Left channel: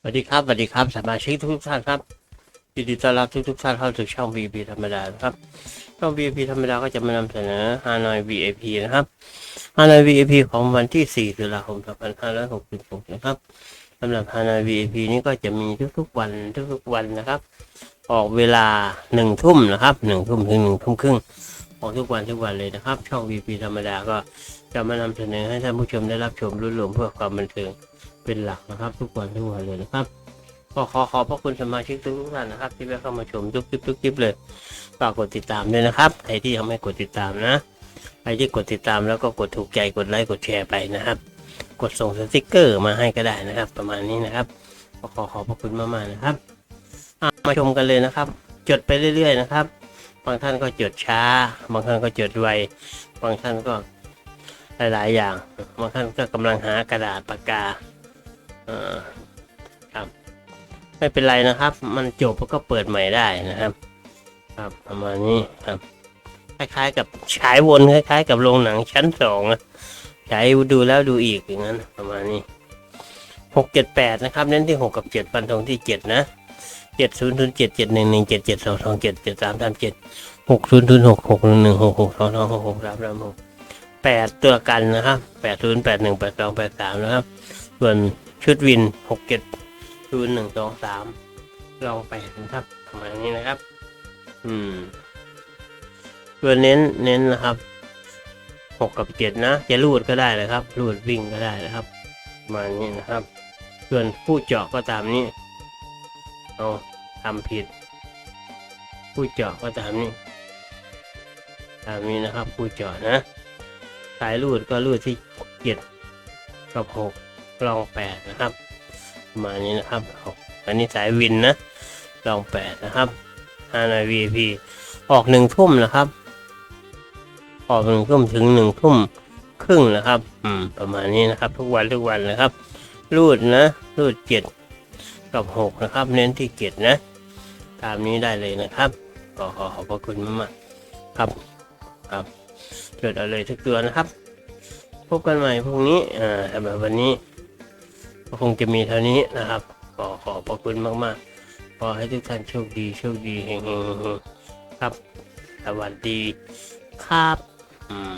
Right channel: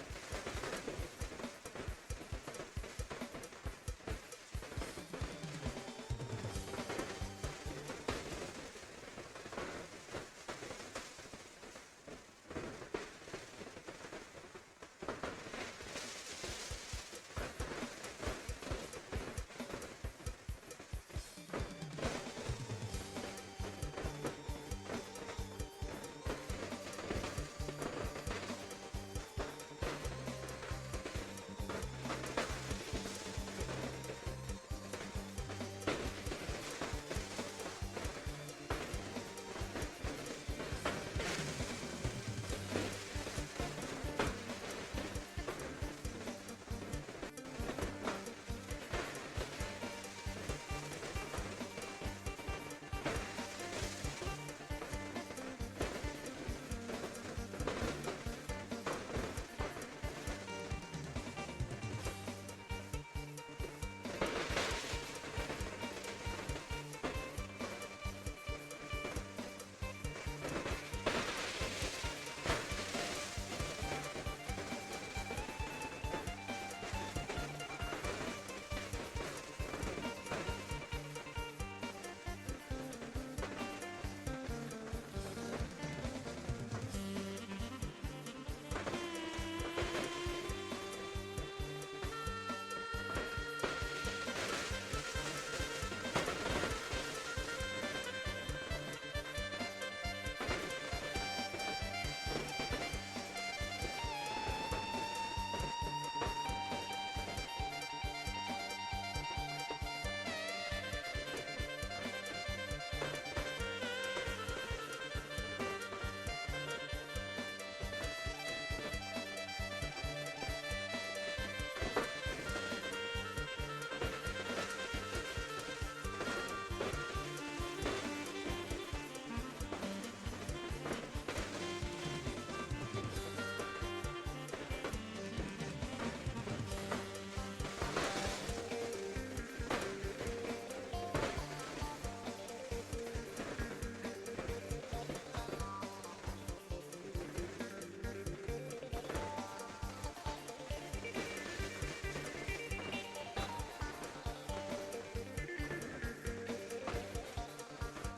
สวัสดีครับสวัสดีครับสมาชิกทุกท่านครับยินดีต้อนรับทุกๆท่านเข้าสู่ช่อง VP ธรรมดาครับช่อง VP ธรรมดาก็จะมานำเสนอ Hanoi VIP นะครับ Hanoi VIP ของวันที่4ตุลาคม2566นะครับสำหรับ Hanoi VIP นี้ก็จะมีทุกๆวันทุกๆวันนะครับ ออกเวลา1ทุ่มนะครับ1ทุ่มถึง1ทุ่มครึ่ง ออกทุกวันทุกวันเลยนะครับ ช่อง VP ธรรมดาก็จะมานำเสนอให้ท่านผู้ชมได้รับชมรุ่นรวมเพื่อความบันเทิงเป็นหลักนะครับ ทุกวันทุกวันเลยนะครับก็ขอขอบพระคุณสมาชิกทุกท่านนะครับ ที่ได้เข้ามาชมทุกคลิปทุกคลิปเลยฝากกดติดตามด้วยนะครับใครที่ยังไม่กดติดตามนะใครที่กดติดตามแล้วก็กดถูกใจกดไลค์กดแชร์ไปนะครับ กดส่งสติกเกอร์มาให้ก็ได้นะครับ ประมาณนี้นะครับขอขอขอบพระคุณมากๆนะครับมาชมกันเลยนะครับ จดไปเรื่อย ๆ นะครับางท่านก็จดช้า บางท่านก็จดไว บางท่านก็หลายๆอย่าง บางท่านก็กำลังหากระดาษปากกาครับไม่เป็นไรนะครับ มันจบก็เปิดใหม่ได้นะครับ ครับประมาณนี้ครับคล้ายๆกับฉายวนคล้ายๆ กับโรงหนังชั้นสองอะฉายดูแล้วดูอีกอย่างนั้นประมาณนี้หกเจ็ดแปดนะครับ เน้นที่หกกับเจ็ดฟันธงที่เจ็ดนะ เจ็ดศูนย์ศูนย์เจ็ดเจ็ดหนึ่งหนึ่งเจ็ดเจ็ดสองสองเจ็ดเจ็ดสามสามเจ็ดหกศูนย์ศูนย์หกหกหนึ่งหนึ่งหกหกสองสองหกหกสามสามหกแปดตัวกันนะครับแปดศูนย์แปดหนึ่งแปดสองแปดสามนะครับ ส่วนชุดวินหกเจ็ดศูนย์หนึ่งสองสามลองไปนะครับประมาณนี้นะครับ อืมตัวเน้นเน้นนะครับหกกับเจ็ดนะจะรูดก็ได้นะครับรูดวิ่งก็ได้นะครับประมาณนี้นะครับ ส่วนผู้เจาะก็ตามนี้ เอาทำผิด ผู้เจาะก็ตามนี้ตามนี้นะครับ ผู้เจาะนะสายรูดก็รูดที่เจ็ดกับหกลองแปดนะครับประมาณนี้นะครับอาอันนี้สายวินนะลองแปดนะครับฮานอย VIP ออกหนึ่งทุ่มนะครับ ออกหนึ่งทุ่มถึงหนึ่งทุ่มครึ่งนะครับ อืม ประมาณนี้นะครับ ทุกวันทุกวันนะครับ รูดนะ รูดเจ็ด กับหกนะครับ เน้นที่เจ็ดนะ ตามนี้ได้เลยนะครับขอขอขอบพระคุณมากๆครับครับจดอาเลยทุกตัวนะครับ พบกันใหม่พรุ่งนี้อ่าสำหรับวันนี้ก็คงจะมีเท่านี้นะครับ ขอขอบพระคุณมากๆ ขอให้ทุกท่านโชคดีโชคดีเฮงๆครับ สวัสดีครับ อืม